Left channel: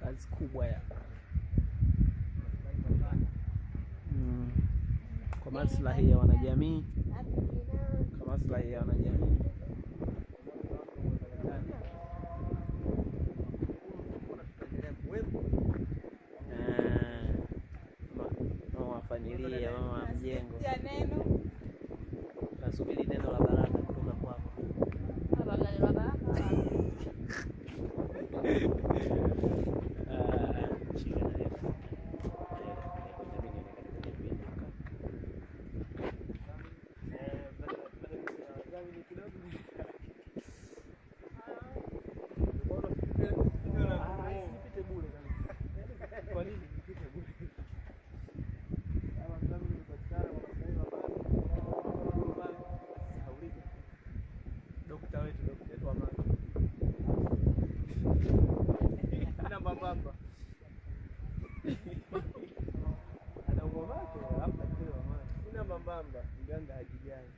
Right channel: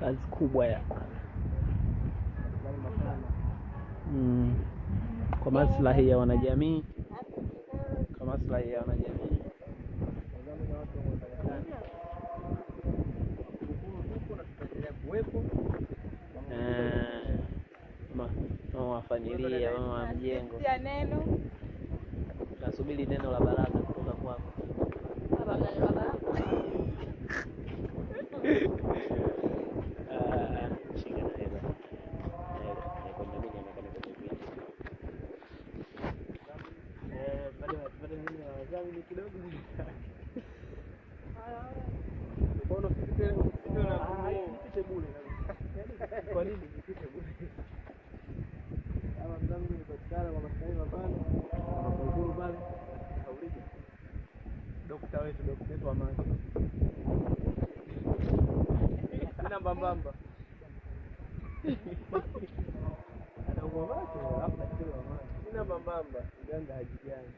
kazi kubwa ya kwa maslahi ya wanajamii, kwa maslahi ya wanajamii. Mama wa familia, mama wa mjengo. Nasubiri neno la baraka kutoka kwako. Kwa nini nipite bure? Kama mzangu nimepatikana kwa maslahi mabana, uhuru bana, hauliki. Daktari wetu wa macho. Sina mabamba. Ana ugonjwa macho, labda kile wa macho. Sina mabamba, mganga hajijani.